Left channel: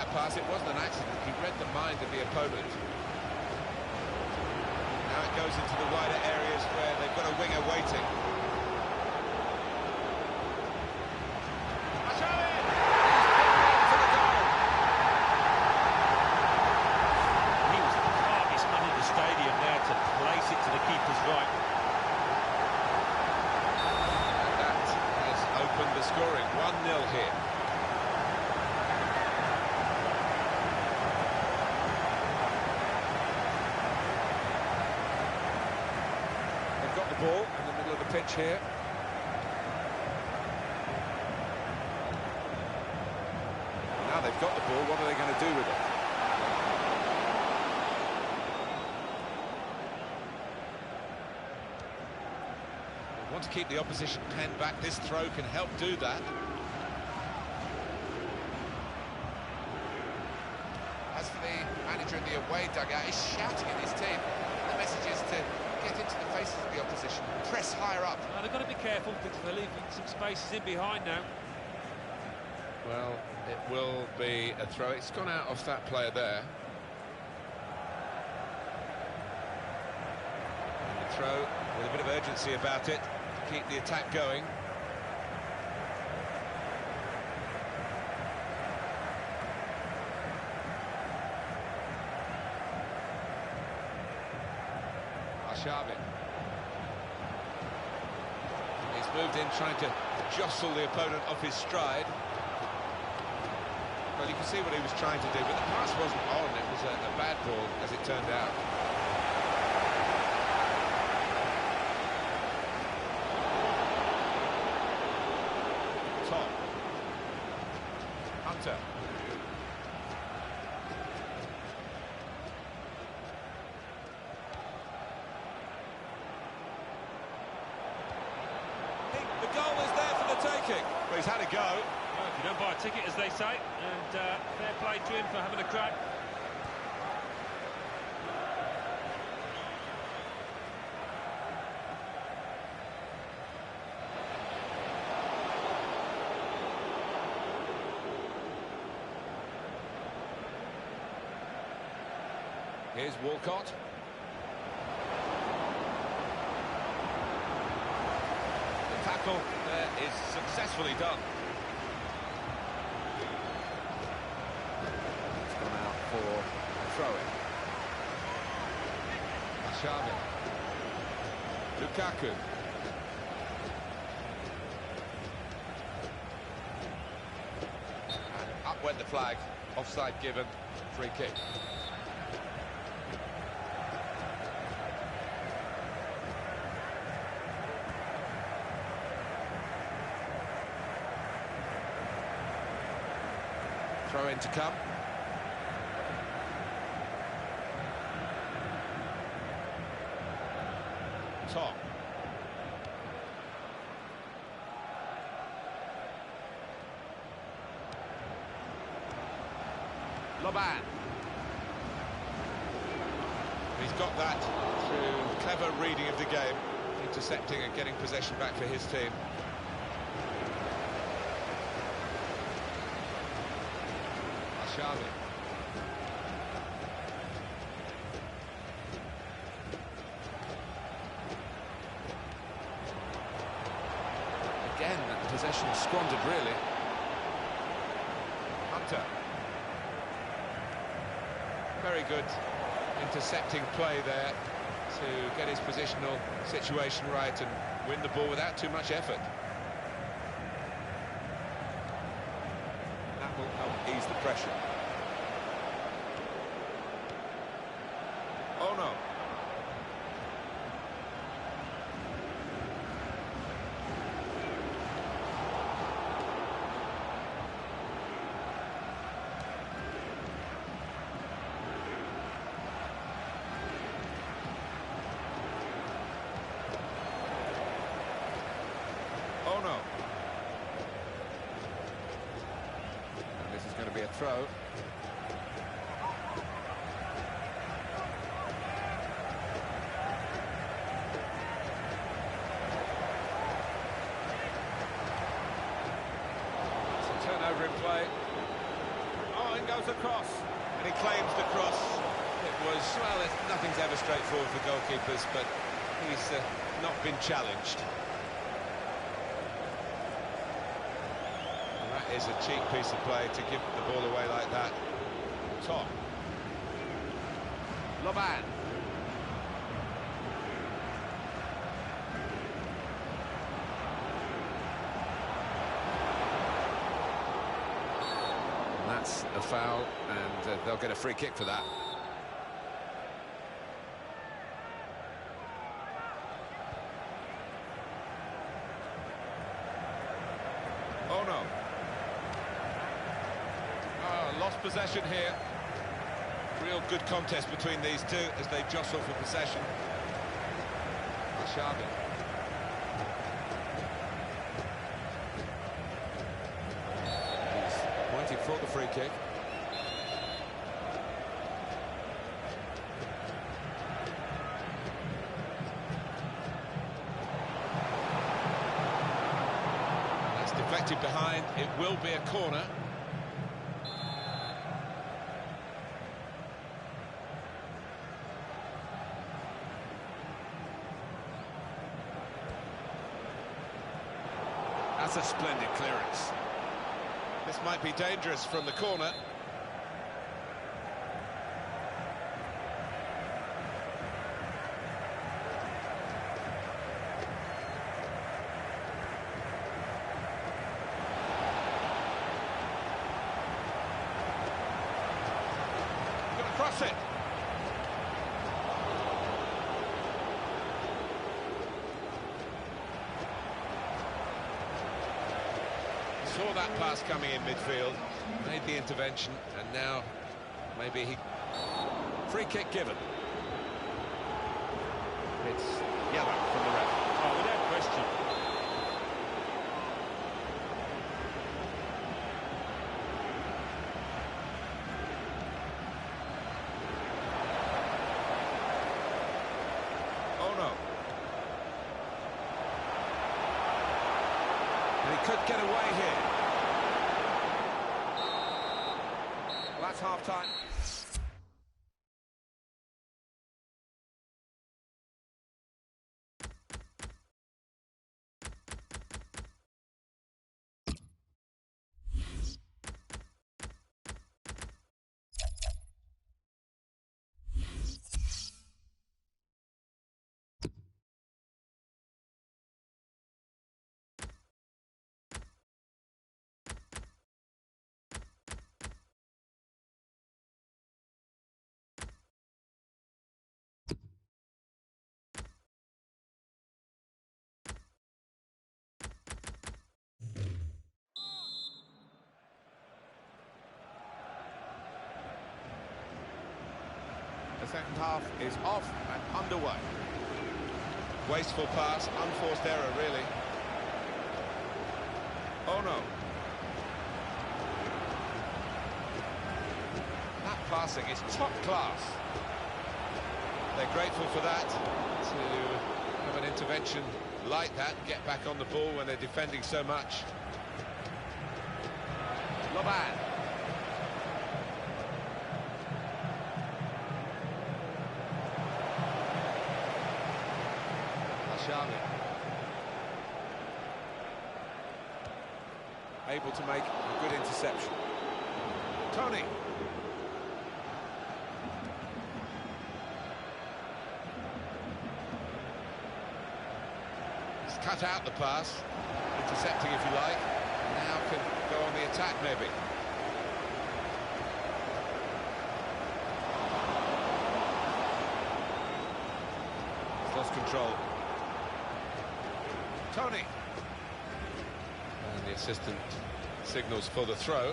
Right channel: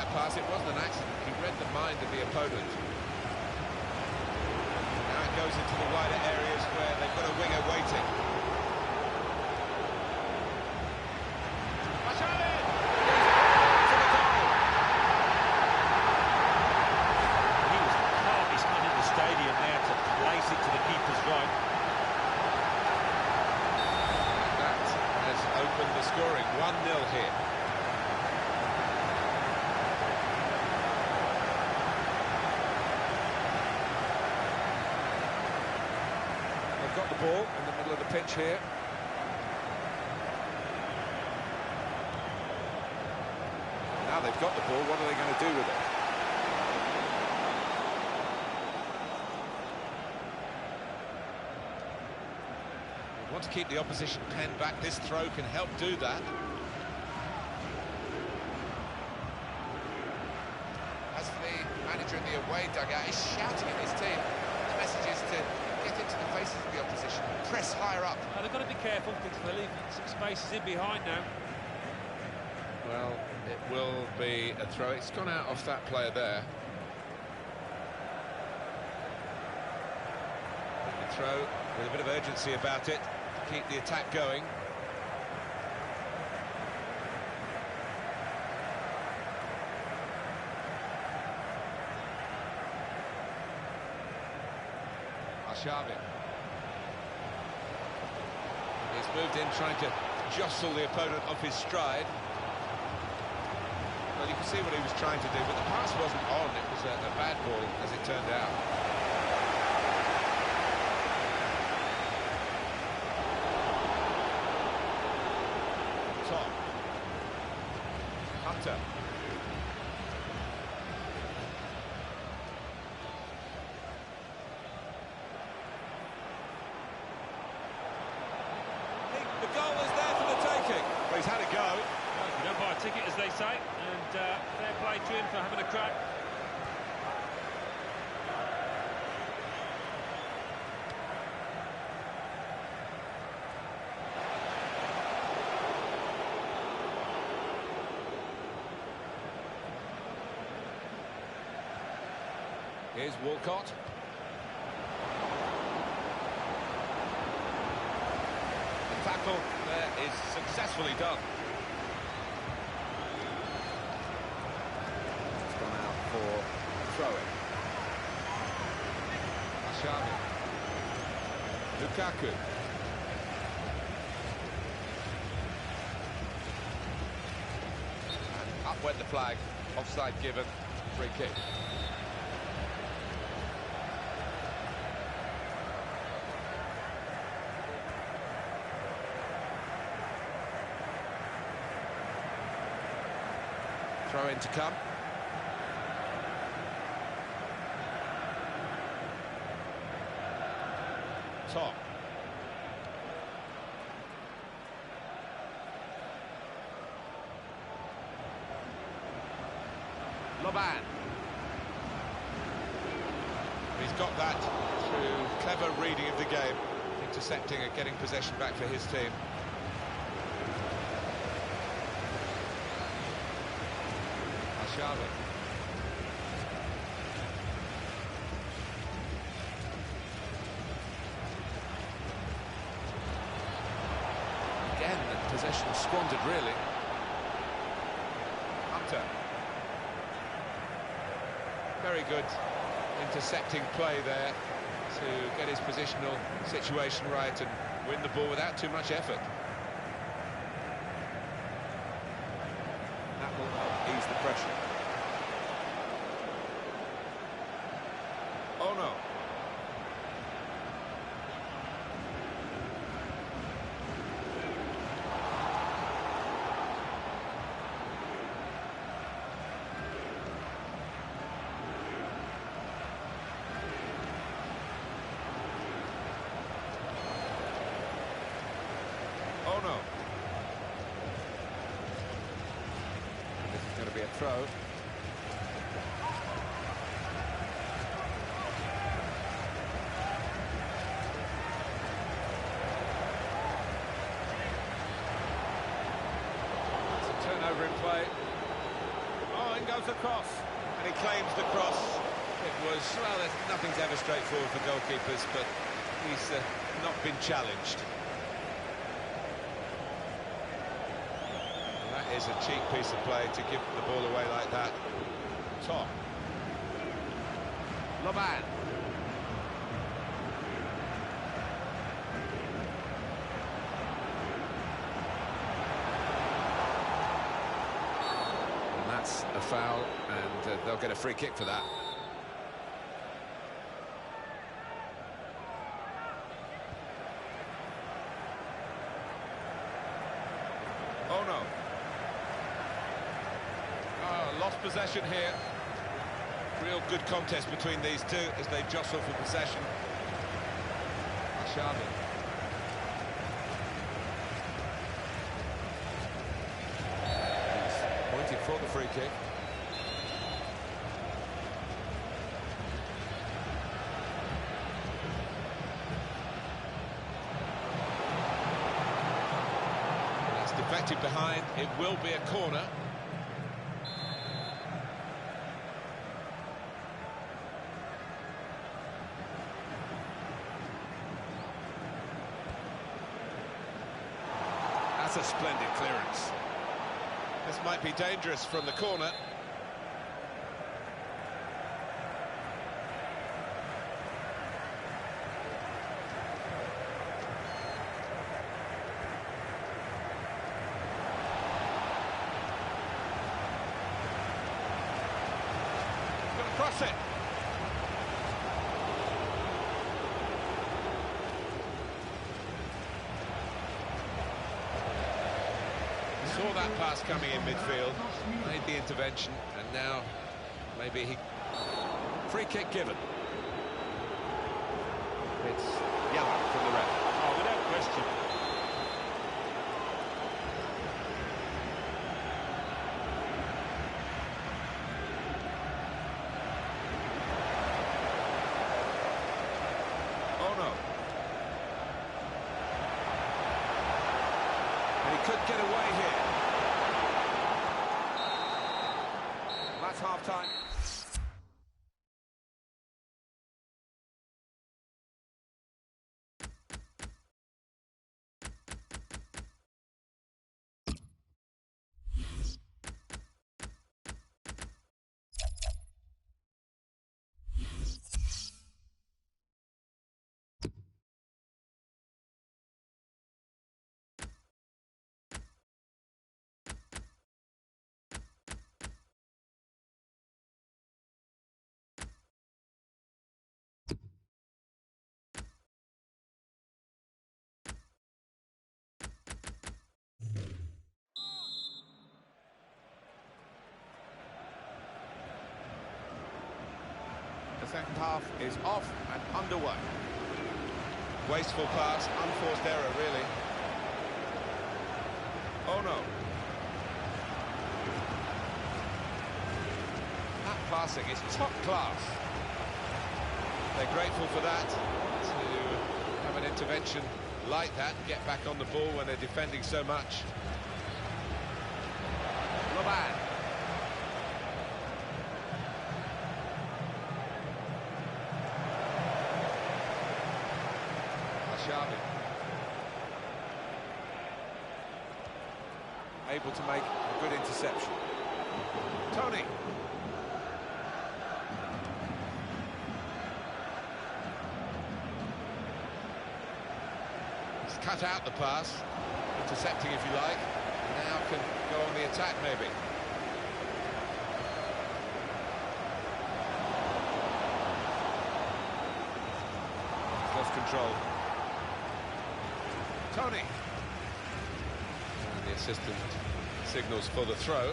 that pass. It wasn't an accident. He read the mind of the opponent. Now it goes into the wider areas where they've got a winger waiting. He's brought in for the goal. He was the calmest man in the stadium there to place it to the keeper's right. And that has opened the scoring. 1-0 here. They've got the ball in the middle of the pitch here. Now they've got the ball, what are they going to do with it? They want to keep the opposition penned back. This throw can help do that. As for the manager in the away dugout, he's shouting at his team. The message is to get into the faces of the opposition, press higher up. They've got to be careful because they're leaving some spaces in behind now. Well, it will be a throw. It's gone out off that player there. And the throw with a bit of urgency about it to keep the attack going. Arshavin. He's moved in trying to jostle the opponent off his stride. Well, you can see what he was trying to do, but the pass wasn't on. It was a bad ball, as it turned out. Tom. Hunter. The goal is there for the taking. Well, he's had a go. Well, if you don't buy a ticket, as they say, and fair play to him for having a crack. Here's Walcott. The tackle there is successfully done. It's gone out for a throw-in. Arshavin. Lukaku. And up went the flag. Offside given. Free kick. Throw in to come. Tom. Loban. He's got that through clever reading of the game, intercepting and getting possession back for his team. Arshavin. Again, possession squandered, really. Hunter. Very good intercepting play there to get his positional situation right and win the ball without too much effort. That will help ease the pressure. Oh no. Oh no. And this is going to be a throw. It's a turnover in play. Oh, in goes goes across. And he claims the cross. It was, well, nothing's ever straightforward for goalkeepers, but he's not been challenged. And that is a cheap piece of play to give the ball away like that. Top. Loban. That's a foul, and they'll get a free kick for that. Oh no. Oh, lost possession here. Real good contest between these two as they jostle for possession. Xavi. Pointing for the free kick. And that's deflected behind. It will be a corner. That's a splendid clearance. This might be dangerous from the corner. Gonna cross it. Saw that pass coming in midfield, made the intervention, and now maybe he... Free kick given. It's yellow from the ref. Oh, without question. Oh no. And he could get away here. That's half-time. The second half is off and underway. Wasteful pass, unforced error, really. Oh no. That passing is top class. They're grateful for that, to have an intervention like that, get back on the ball when they're defending so much. Loban. Xavi. Able to make a good interception. Tony. He's cut out the pass, intercepting if you like, and now can go on the attack maybe. He's lost control. Tony. And the assistant signals for the throw.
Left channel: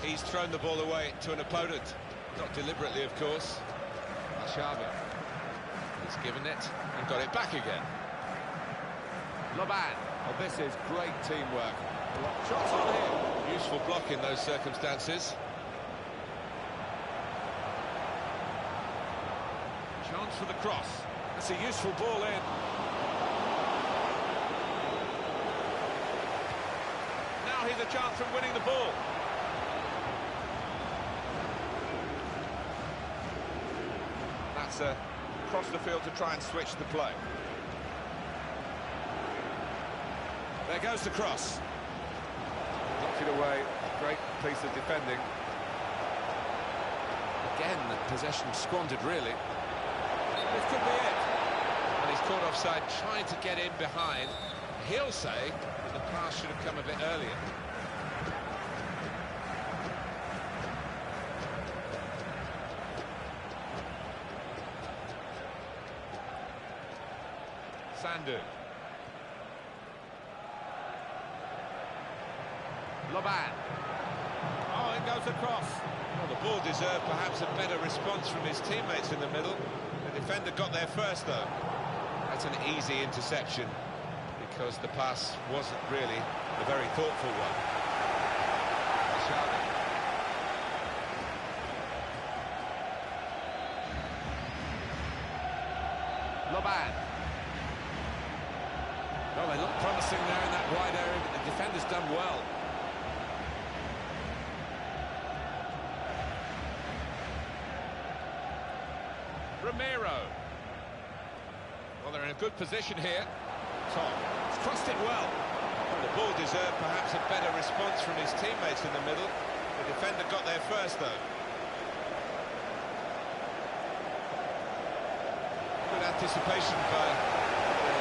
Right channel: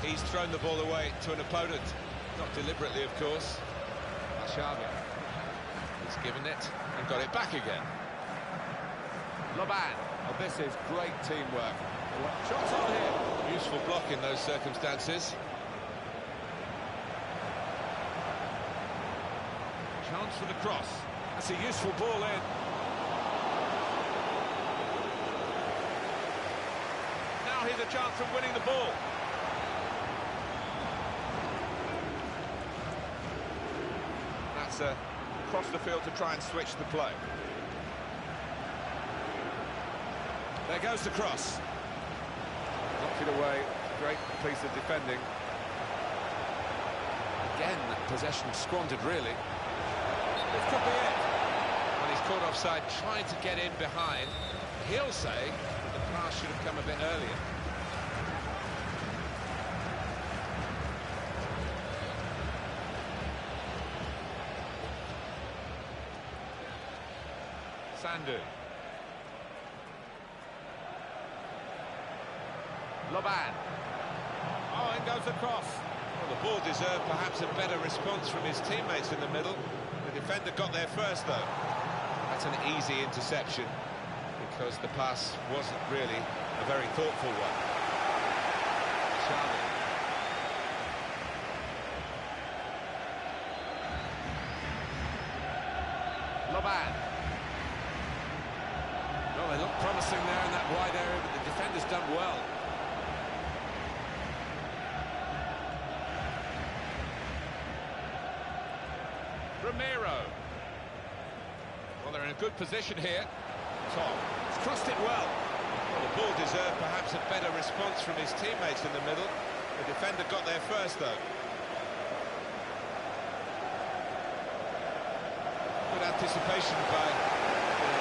He's thrown the ball away to an opponent. Not deliberately, of course. Xavi. He's given it and got it back again. Loban. Oh, this is great teamwork. Shots on here. Useful block in those circumstances. Chance for the cross. That's a useful ball in. Now Now here's a chance from winning the ball. That's across the field to try and switch the play. There goes the cross. Knocked it away. Great piece of defending. Again, possession squandered, really. This could be it. And he's caught offside, trying to get in behind. He'll say that the pass should have come a bit earlier. Sandu. Loban. Oh, in goes the cross. Well, the ball deserved perhaps a better response from his teammates in the middle. The defender got there first, though. That's an easy interception, because the pass wasn't really a very thoughtful one. Xavi. Loban. Well, they look promising there in that wide area, but the defender's done well. Ramiro. Well, they're in a good position here. Tom. He's crossed it well. Well, the ball deserved perhaps a better response from his teammates in the middle. The defender got there first, though. Good anticipation by the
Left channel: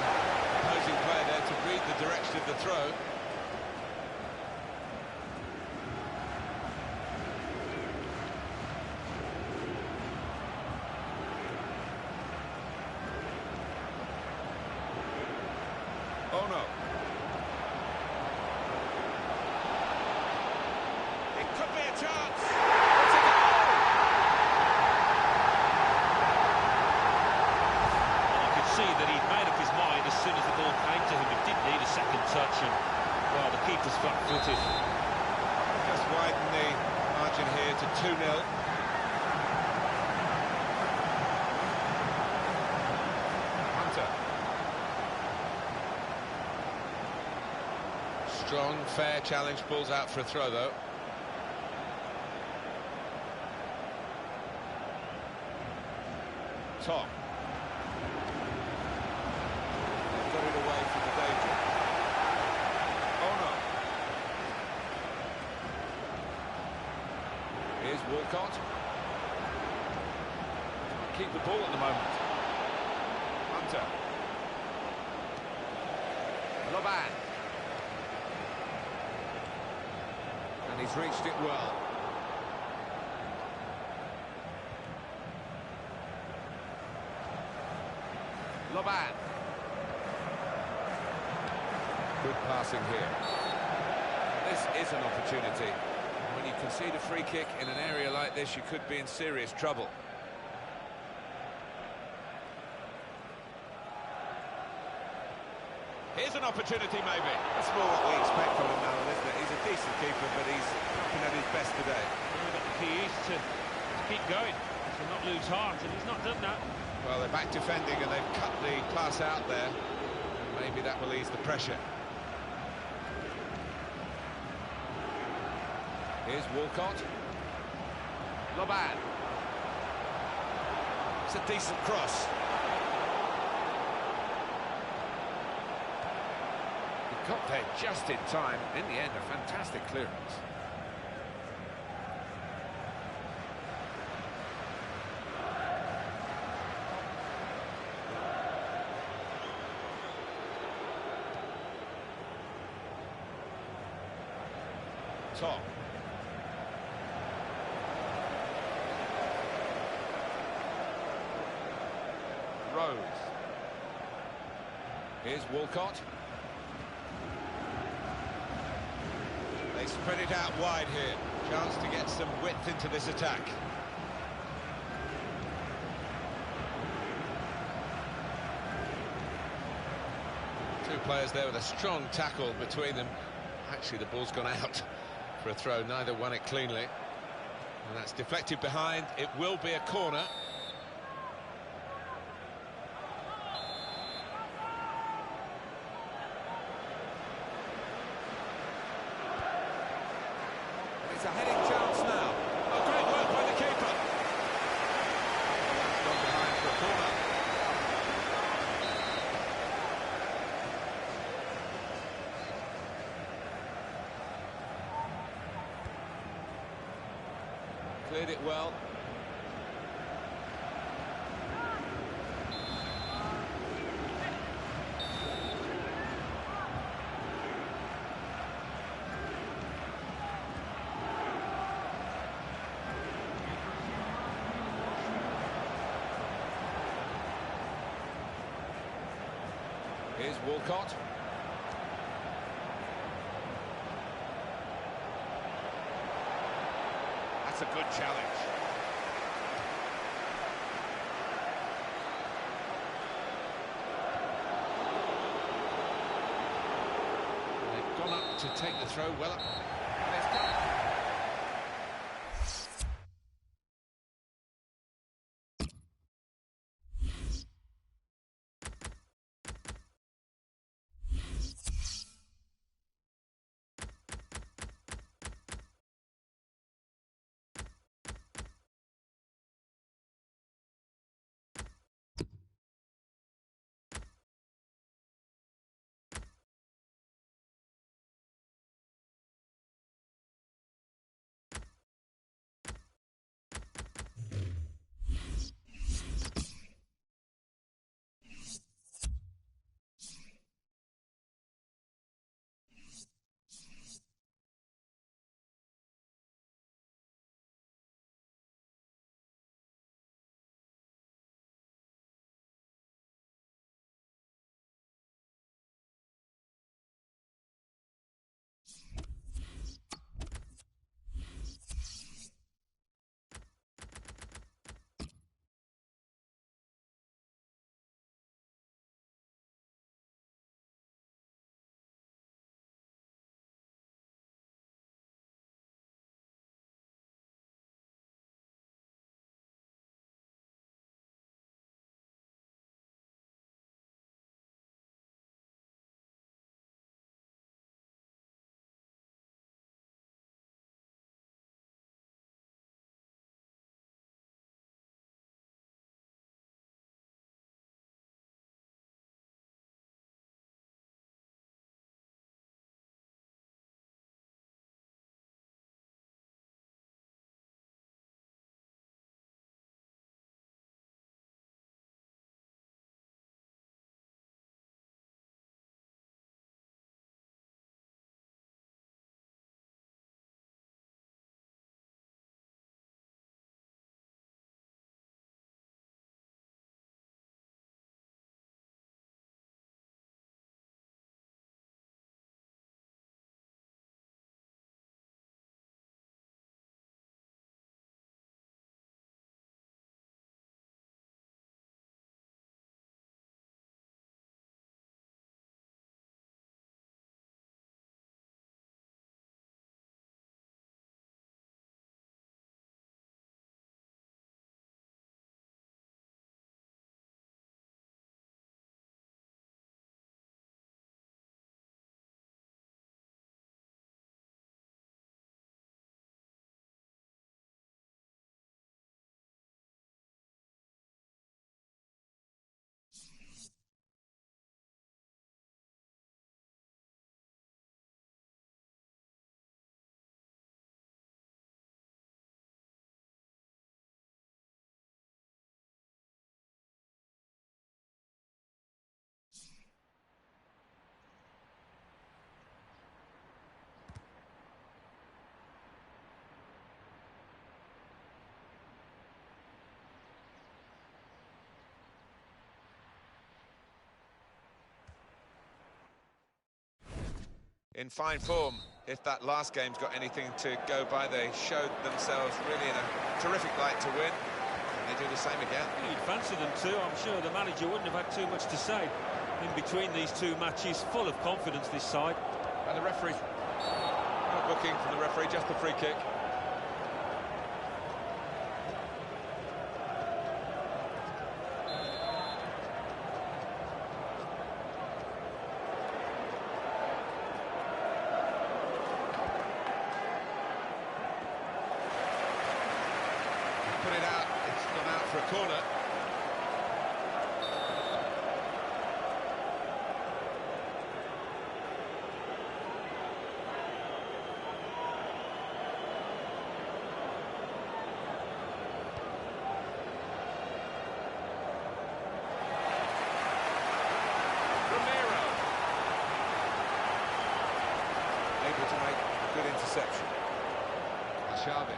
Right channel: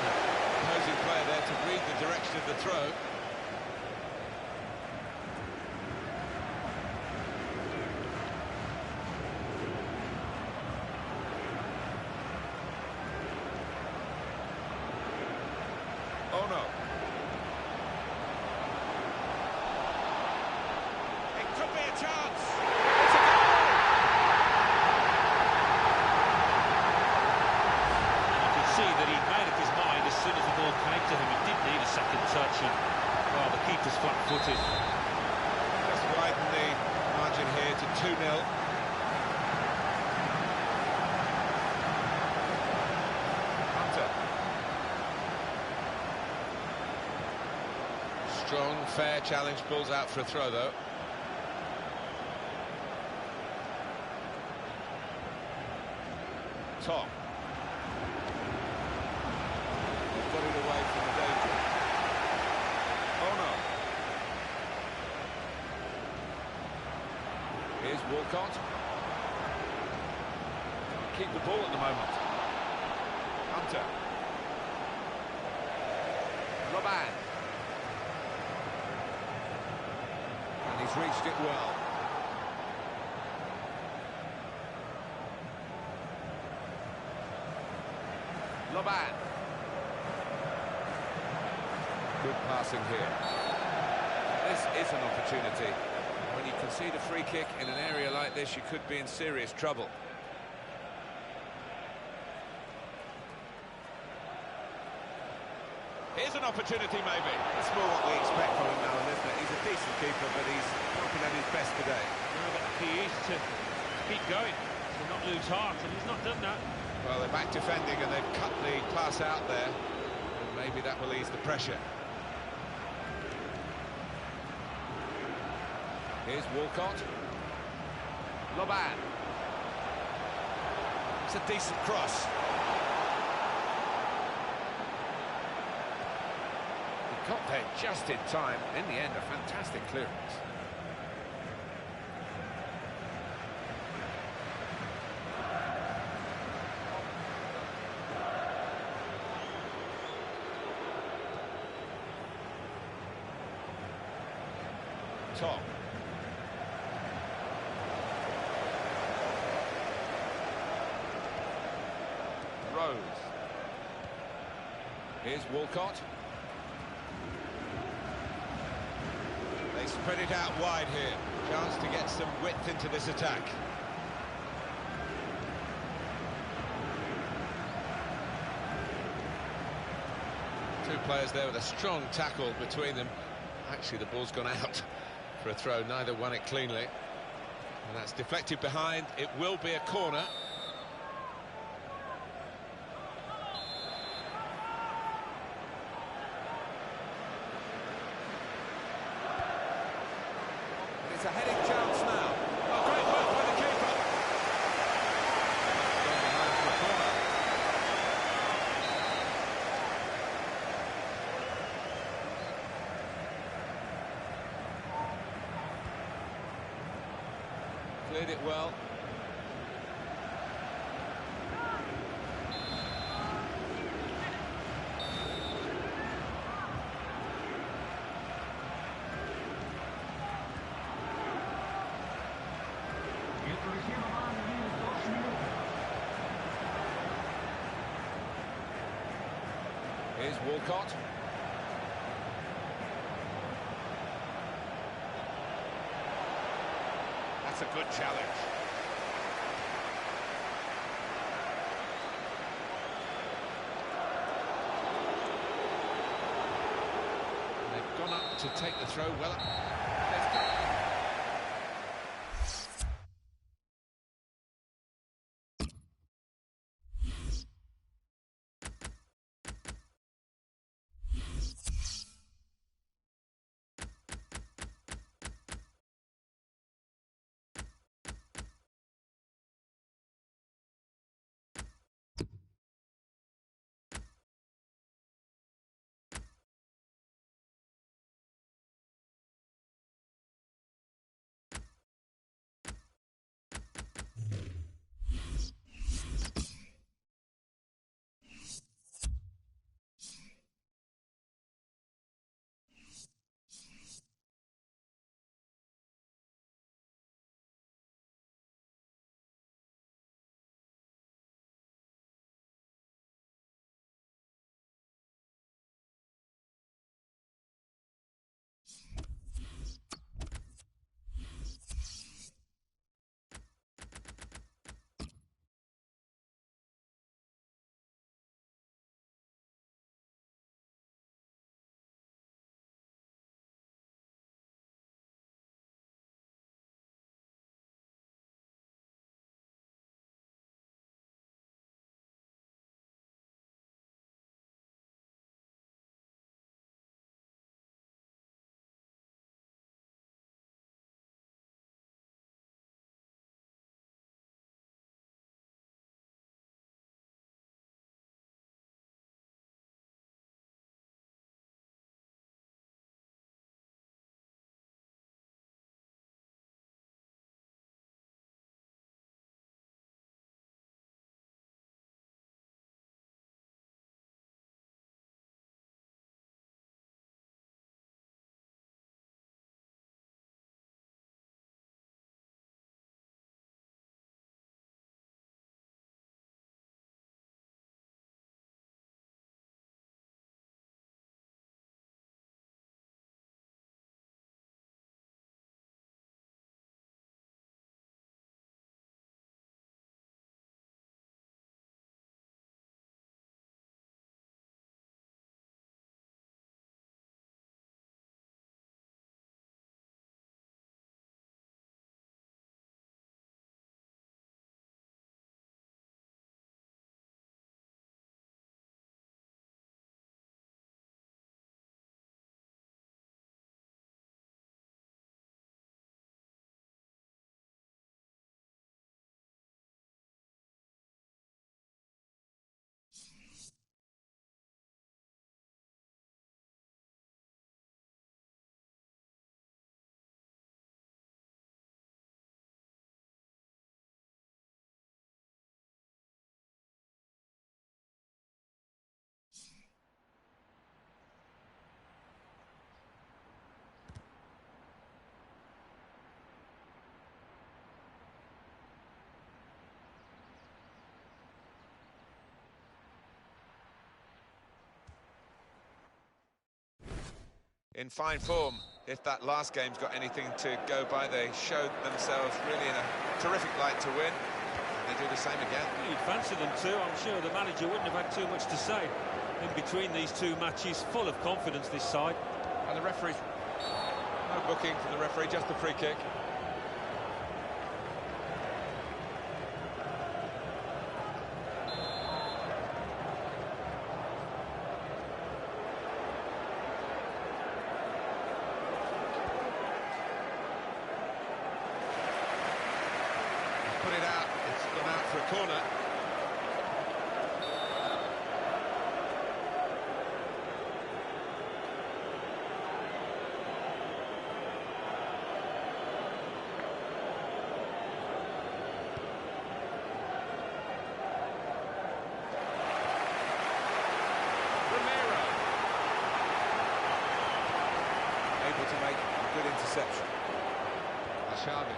opposing player there to read the direction of the throw. Oh no. It could be a chance. It's a goal! And you could see that he'd made up his mind as soon as the ball came to him. He didn't need a second touch, and, well, the keeper's flat-footed. Just widen the margin here to 2-0. Hunter. Strong, fair challenge, pulls out for a throw, though. Tom. They've got it away from the danger. Oh no. Here's Walcott. Can't keep the ball at the moment. Hunter. Loban. And he's reached it well. Loban. Good passing here. This is an opportunity. When you concede a free kick in an area like this, you could be in serious trouble. Here's an opportunity, maybe. That's more what we expect from him, Alan, isn't it? He's a decent keeper, but he's not been at his best today. Well, but the key is to keep going, to not lose heart, and he's not done that. Well, they're back defending, and they've cut the pass out there, and maybe that will ease the pressure. Here's Walcott. Loban. It's a decent cross. He got there just in time. In the end, a fantastic clearance. Tom. Rose. Here's Walcott. They spread it out wide here. Chance to get some width into this attack. Two players there with a strong tackle between them. Actually, the ball's gone out for a throw. Neither won it cleanly. And that's deflected behind. It will be a corner. It's a heading chance now. Oh, great work by the keeper. That's gone behind for a corner. Cleared it well. Here's Walcott. That's a good challenge. They've gone up to take the throw well up. And it's come. In fine form. If that last game's got anything to go by, they showed themselves really in a terrific light to win. And they do the same again. Well, you'd fancy them too. I'm sure the manager wouldn't have had too much to say in between these two matches. Full of confidence, this side. And the referee, no booking from the referee, just the free kick. put it out. It's gone out for a corner. Able to make a good interception. Ashavi.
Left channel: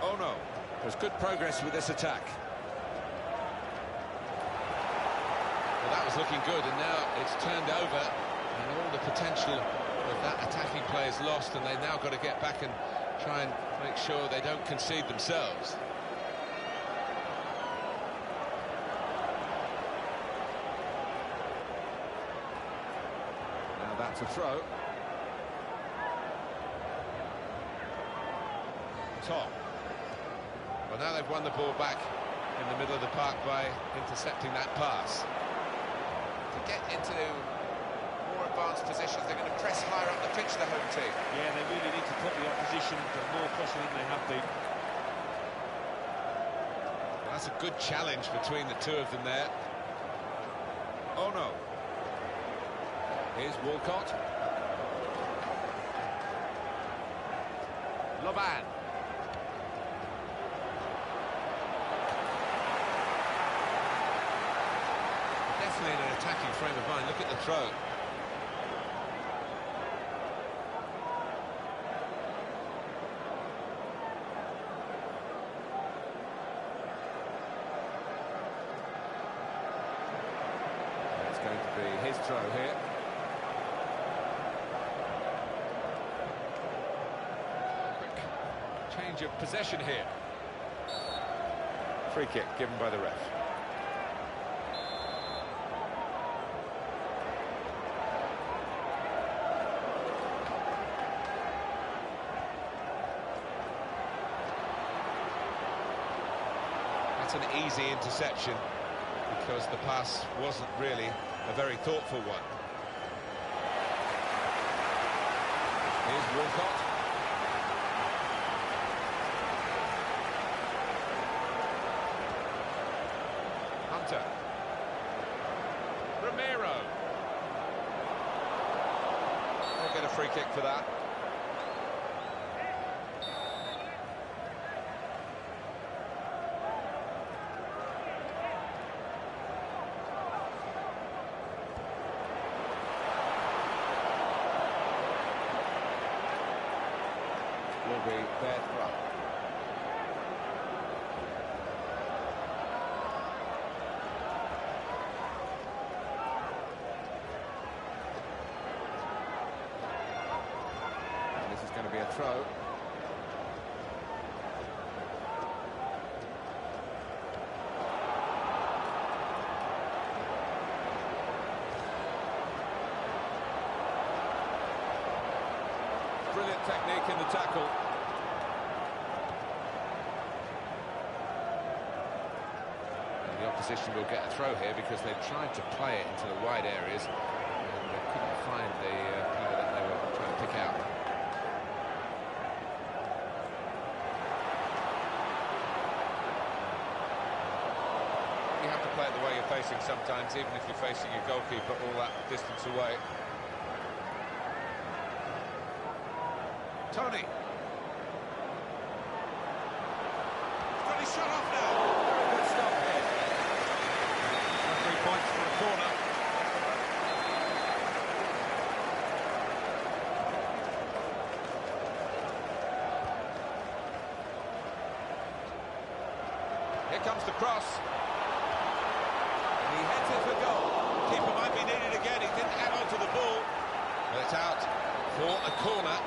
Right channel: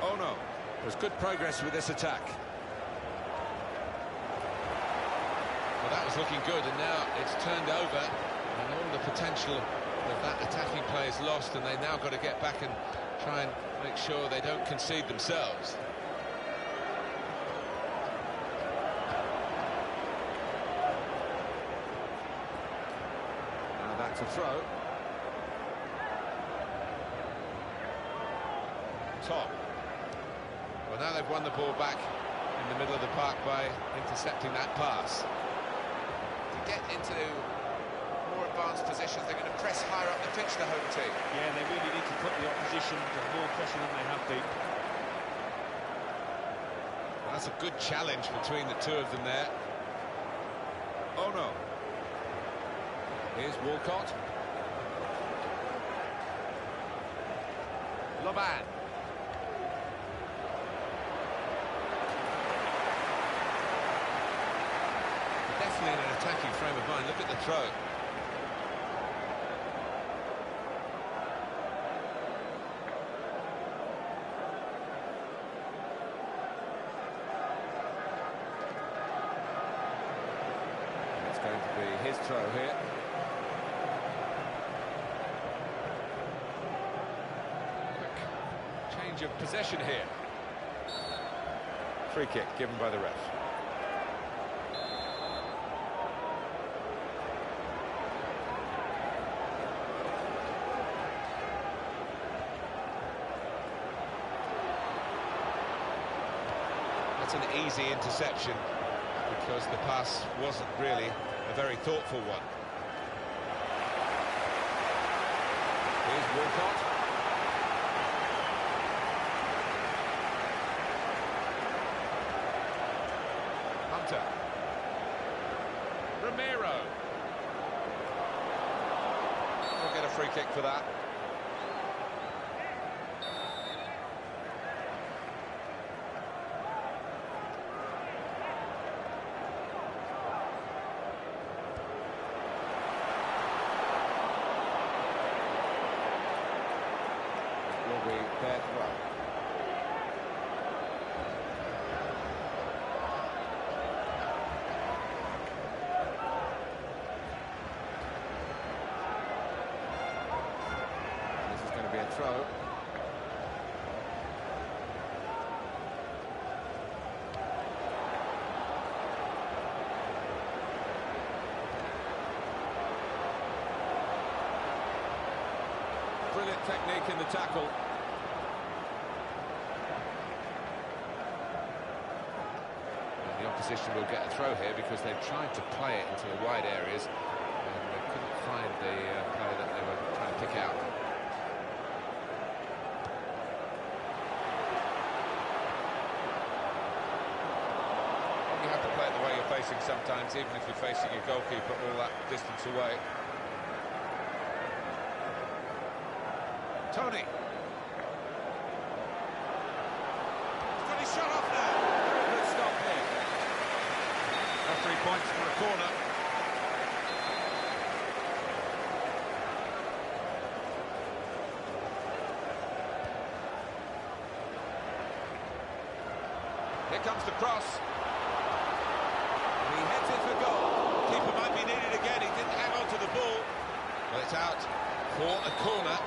Oh no, there's good progress with this attack. Well, that was looking good, and now it's turned over, and all the potential of that attacking play is lost, and they've now got to get back and try and make sure they don't concede themselves. That's a throw. Top. Well, now they've won the ball back in the middle of the park by intercepting that pass. To get into more advanced positions, they're going to press higher up the pitch, the home team. Yeah, they really need to put the opposition to more pressure than they have been. Well, that's a good challenge between the two of them there. Oh no. Here's Walcott. Loban. Definitely in an attacking frame of mind. Look at the throw. And it's going to be his throw here. Change of possession here. Free kick given by the ref. That's an easy interception because the pass wasn't really a very thoughtful one. Here's Walcott. Hunter. Romero. We'll get a free kick for that. Will be their throw. Going to be a throw. Brilliant technique in the tackle. And the opposition will get a throw here because they've tried to play it into the wide areas and they couldn't find the player that they were trying to pick out. You have to play it the way you're facing sometimes, even if you're facing your goalkeeper all that distance away. Tony. He's got his shot off now. Very good stop here. Now 3 points for a corner. Here comes the cross. He heads it for goal. The keeper might be needed again. He didn't hang on to the ball. But it's out for a corner.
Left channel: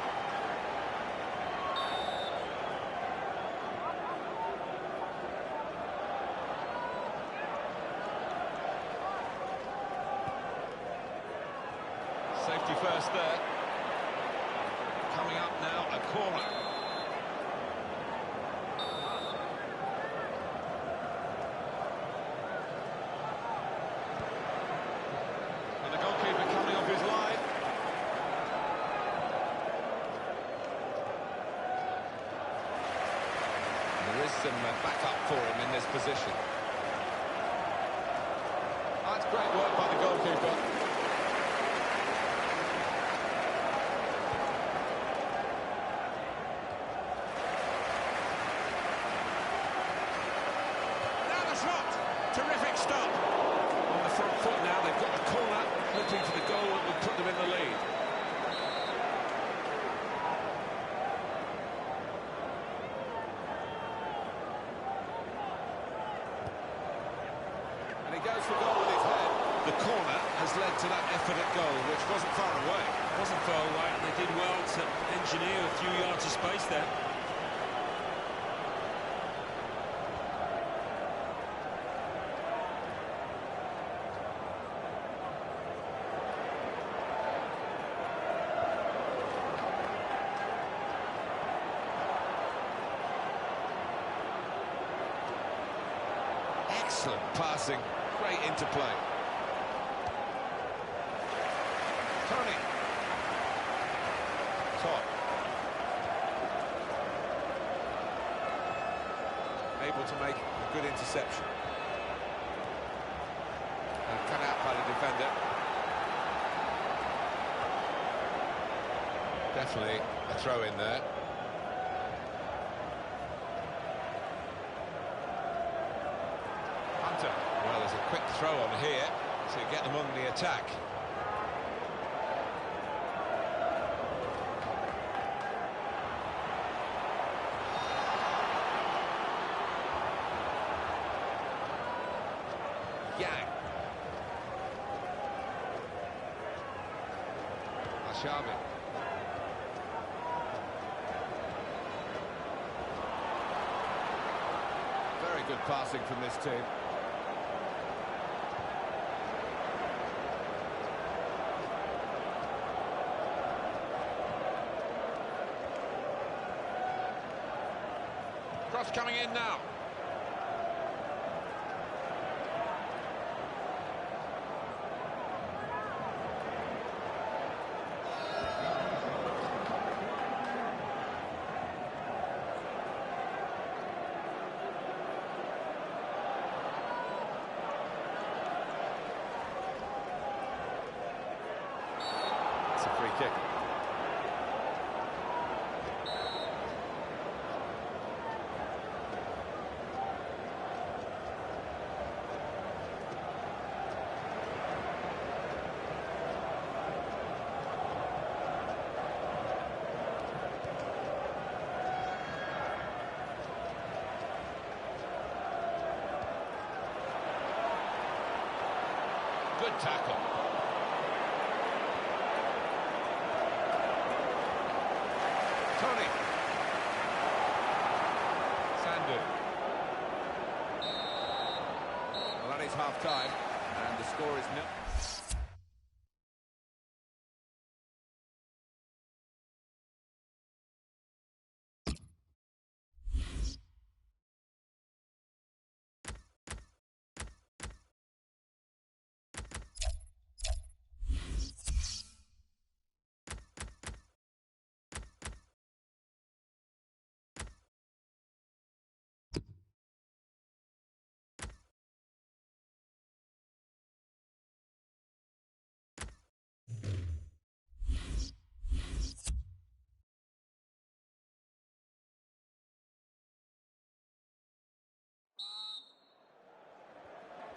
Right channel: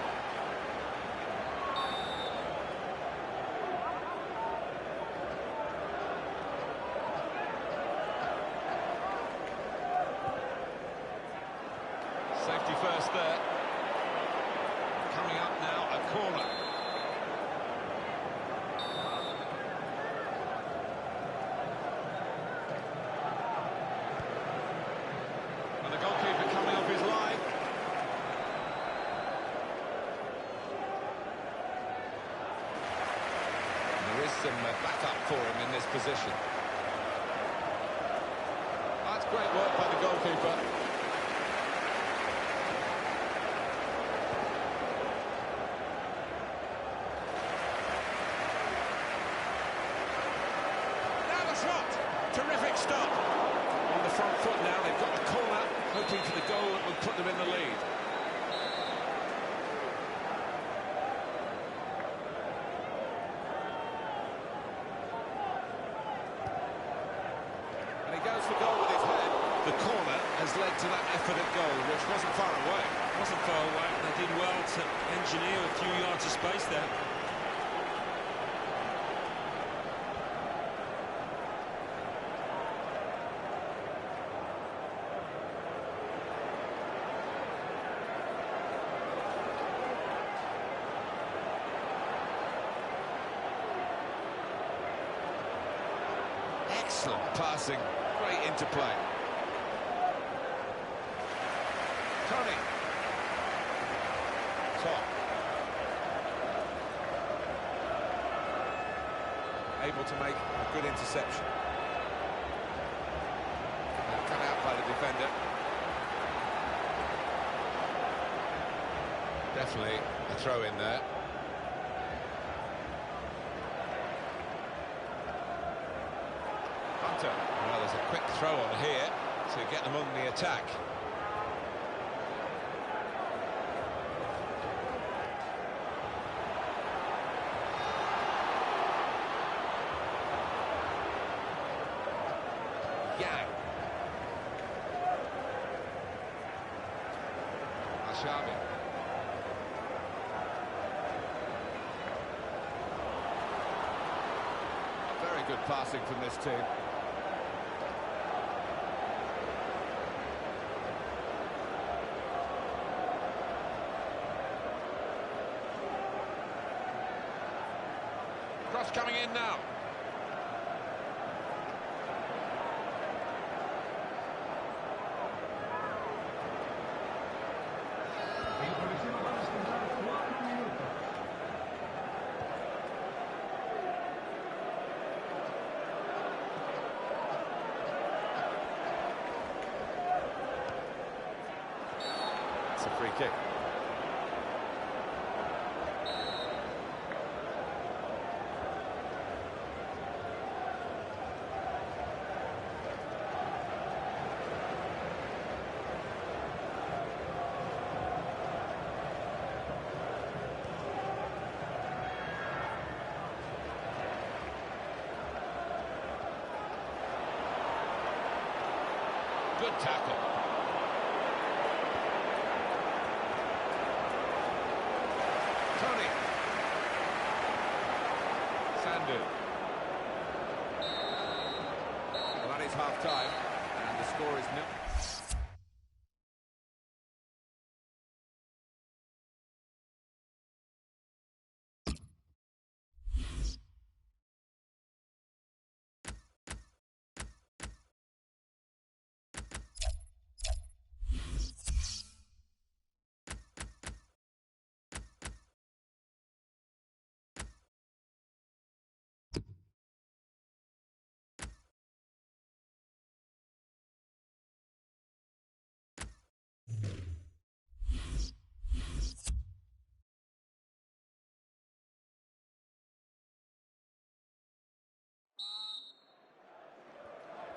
Safety first there. Coming up now, a corner. And the goalkeeper coming off his line. is some backup for him in this position. That's great work by the goalkeeper. Now the shot! Terrific stop! On the front foot now, they've got the corner, hoping for the goal that would put them in the lead. And he goes for goal with his head. The corner has led to that effort at goal, which wasn't far away. Wasn't far away, and they did well to engineer a few yards of space there. Excellent passing, great interplay. Tony. Top. Able to make a good interception. And cut out by the defender. Definitely a throw in there. Hunter. Well, there's a quick throw on here to get them on the attack. Yang. Al-Shabi. Very good passing from this team. Cross coming in now. It's a free kick. Good tackle. Tony. Sandu. Well, that is half-time, and the score is 0.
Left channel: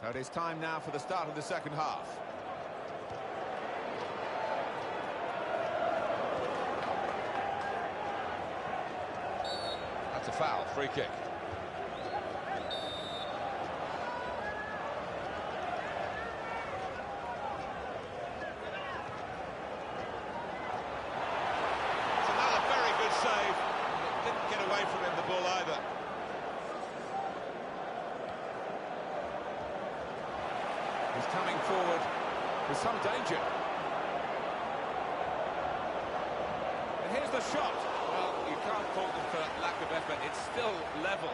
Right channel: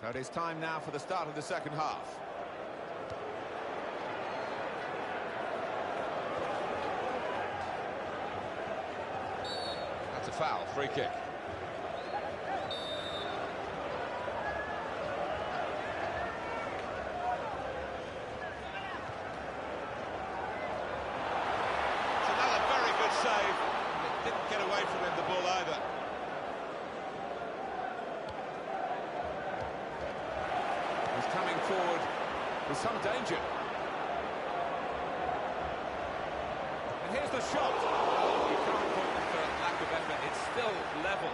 So it is time now for the start of the second half. That's a foul, free kick. It's another very good save. It didn't get away from him, the ball, either. He's coming forward with some danger. And here's the shot. Well, you can't fault them for lack of effort. It's still level.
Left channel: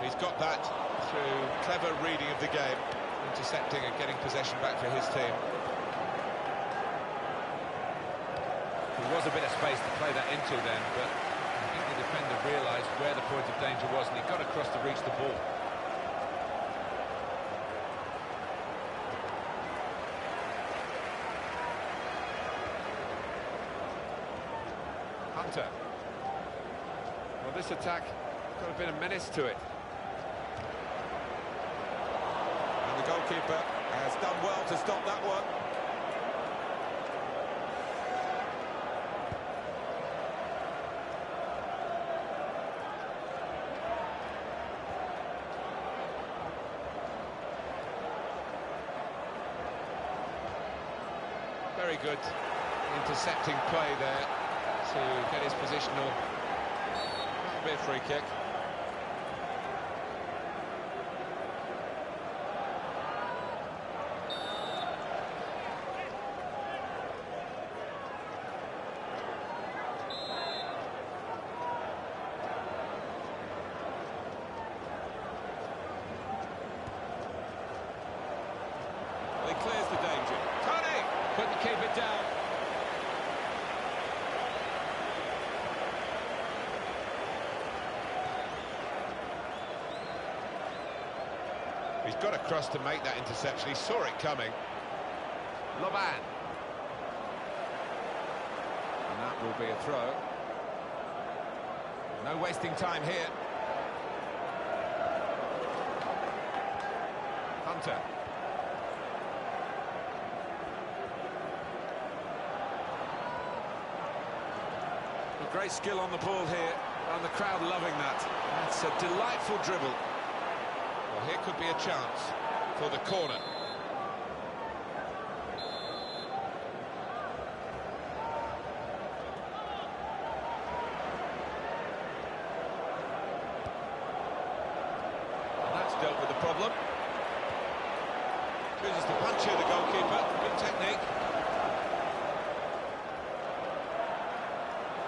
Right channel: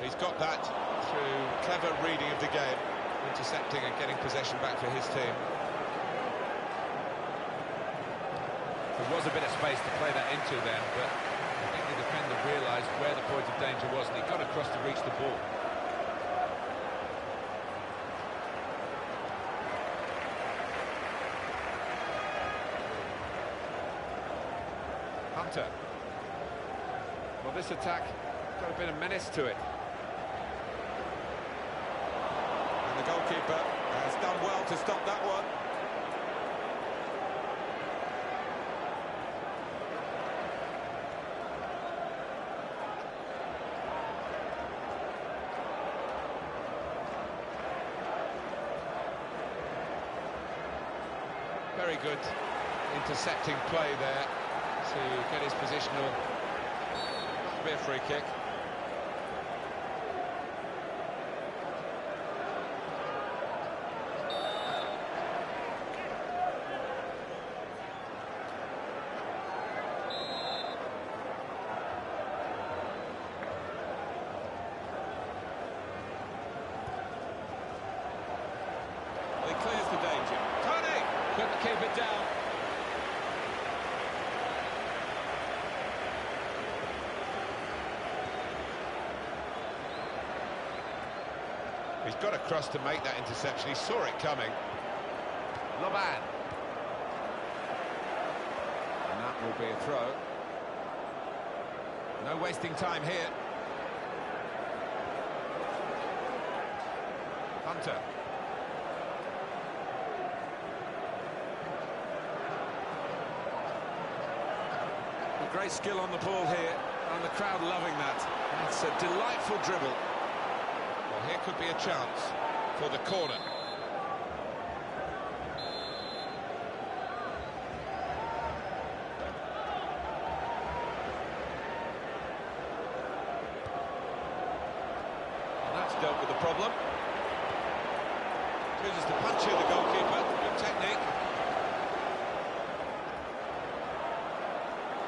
He's got that through clever reading of the game, intercepting and getting possession back for his team. There was a bit of space to play that into then, but I think the defender realised where the point of danger was and he got across to reach the ball. Hunter. Well, this attack got a bit of menace to it. And the goalkeeper has done well to stop that one. Very good intercepting play there to get his positional. That'll be a free kick. Well, he clears the danger. Tony couldn't keep it down. He's got across to make that interception. He saw it coming. Loban. And that will be a throw. No wasting time here. Hunter. Great skill on the ball here, and the crowd loving that. That's a delightful dribble. Well, here could be a chance for the corner. And that's dealt with the problem. Chooses to punch here, the goalkeeper. Good technique.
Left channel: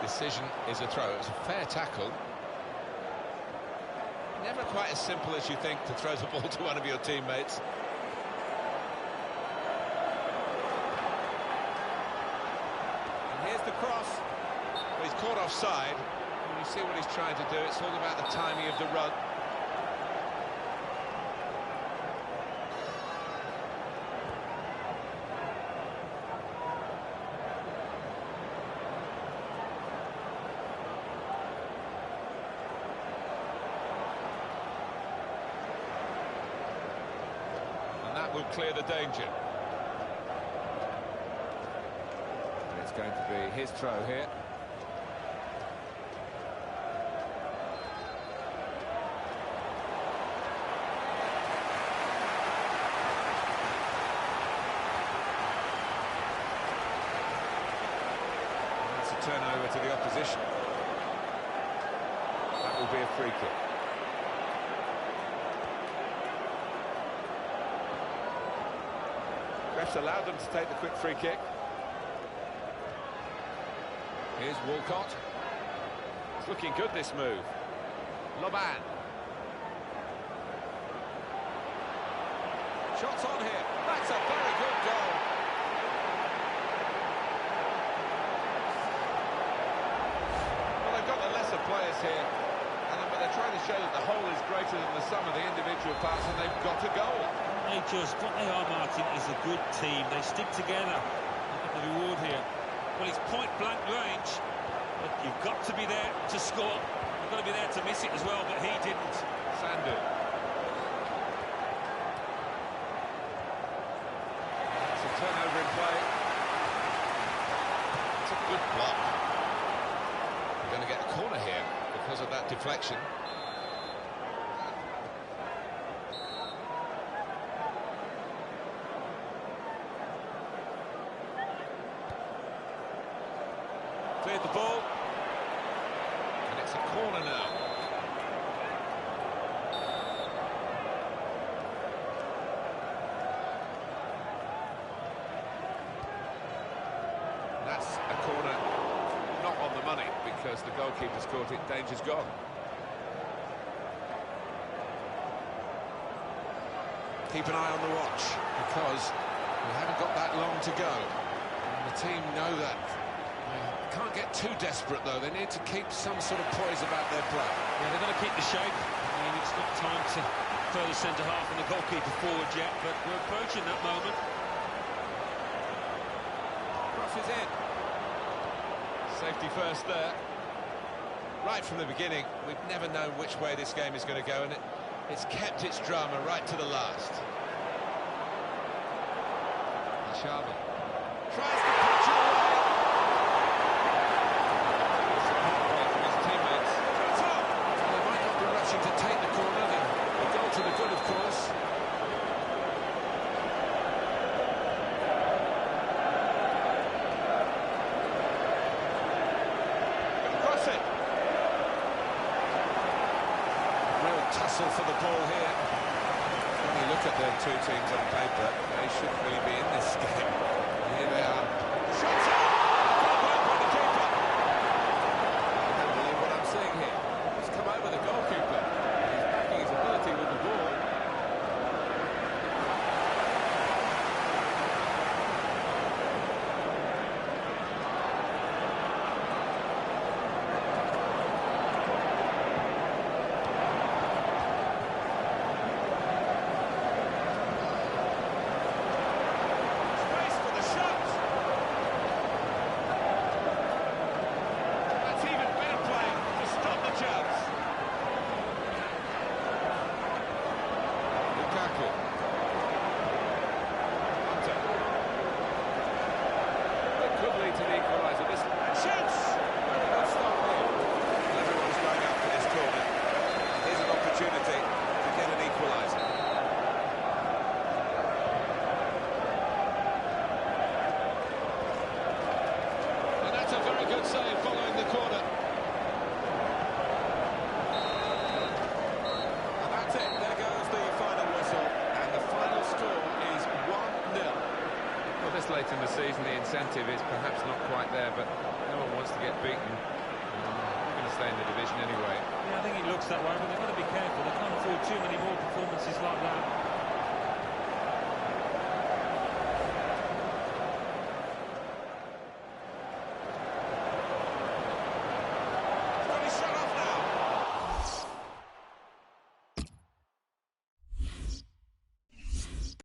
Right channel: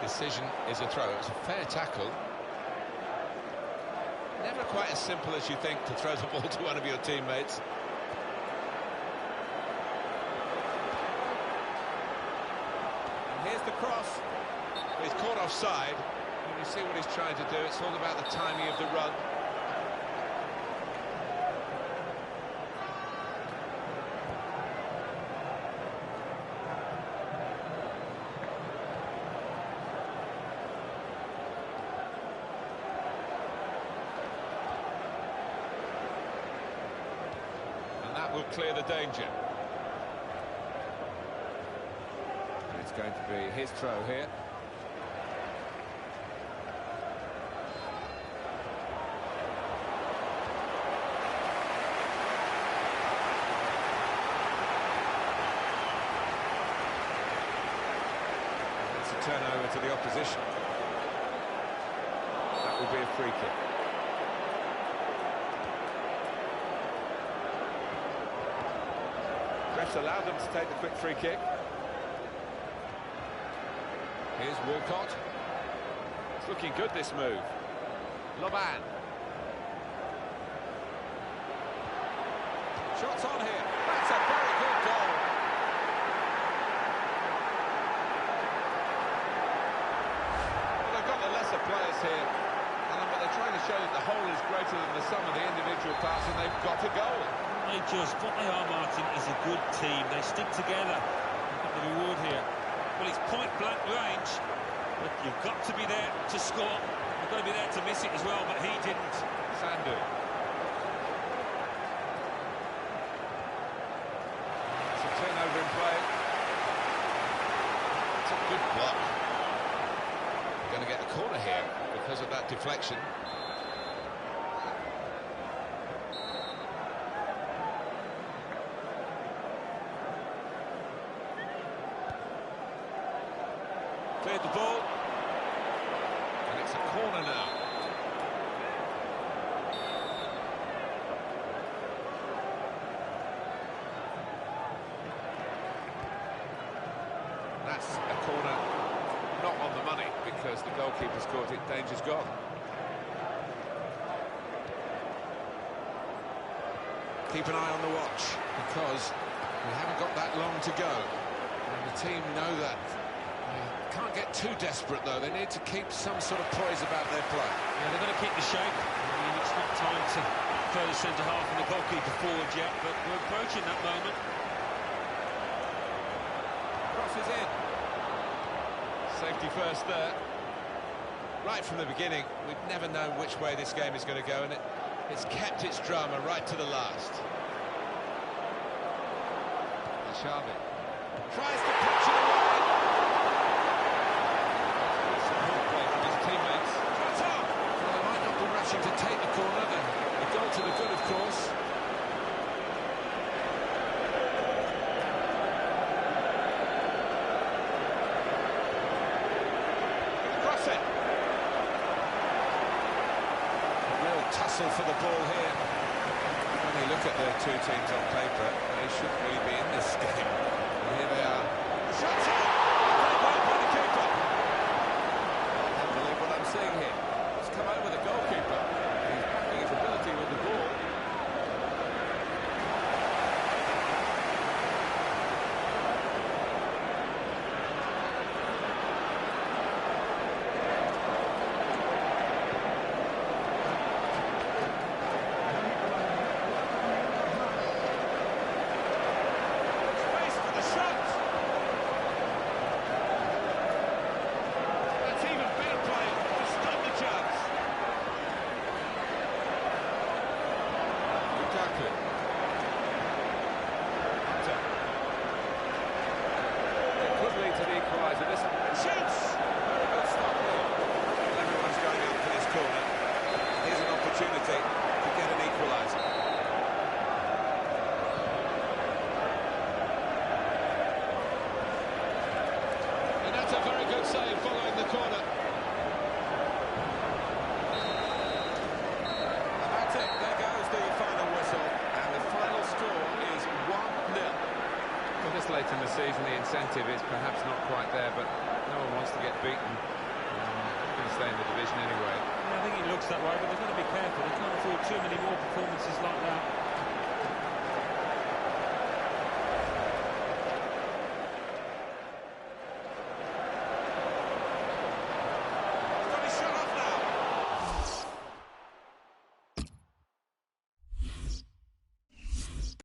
Decision is a throw. It's a fair tackle. Never quite as simple as you think to throw the ball to one of your teammates. And here's the cross. But he's caught offside. When you see what he's trying to do, it's all about the timing of the run. That will clear the danger. And it's going to be his throw here. And that's a turnover to the opposition. That will be a free kick. Refs allowed them to take the quick free kick. Here's Walcott. It's looking good, this move. Loban. Shots on here. That's a very good goal. Well, they've got the lesser players here, but they're trying to show that the whole is greater than the sum of the individual parts, and they've got a goal. What they are, Martin, is a good team. They stick together. They've got the reward here. Well, it's point-blank range, but you've got to be there to score. You've got to be there to miss it as well, but he didn't. Sandu. It's a turnover in play. It's a good block. They're going to get a corner here because of that deflection. Cleared the ball. And it's a corner now. That's a corner not on the money because the goalkeeper's caught it, danger's gone. Keep an eye on the watch because we haven't got that long to go. And the team know that. They can't get too desperate, though. They need to keep some sort of poise about their play. Yeah, they've got to keep the shape. I mean, it's not time to further centre-half and the goalkeeper forward yet, but we're approaching that moment. Crosses in. Safety first there. Right from the beginning, we've never known which way this game is going to go, and it's kept its drama right to the last. Ashabi tries to punch it away. Support play from his teammates. Shot on! Well, they might not be rushing to take the corner. The goal to the good, of course. Gonna cross it. Real tussle for the ball here. When you look at the two teams on paper, they shouldn't really be in this game. And here they are. Shots on! Great work by the keeper. I can't believe what I'm seeing here. It's come over the goalkeeper. And he's backing his ability with the ball. Space for the shot. That's even better play to stop the chance. Lukaku. Hunter. It could lead to the equaliser. This And shoots! very good stop here. Well, everyone's going up for this corner. Here's an opportunity to get an equaliser. And that's a very good save following the corner. And that's it. There goes the final whistle. And the final score is 1-0. Well, this late in the season, the incentive is perhaps not quite there, but no one wants to get beaten. They're going to stay in the division anyway. Yeah, I think it looks that way, but they've got to be careful. They can't afford too many more performances like that.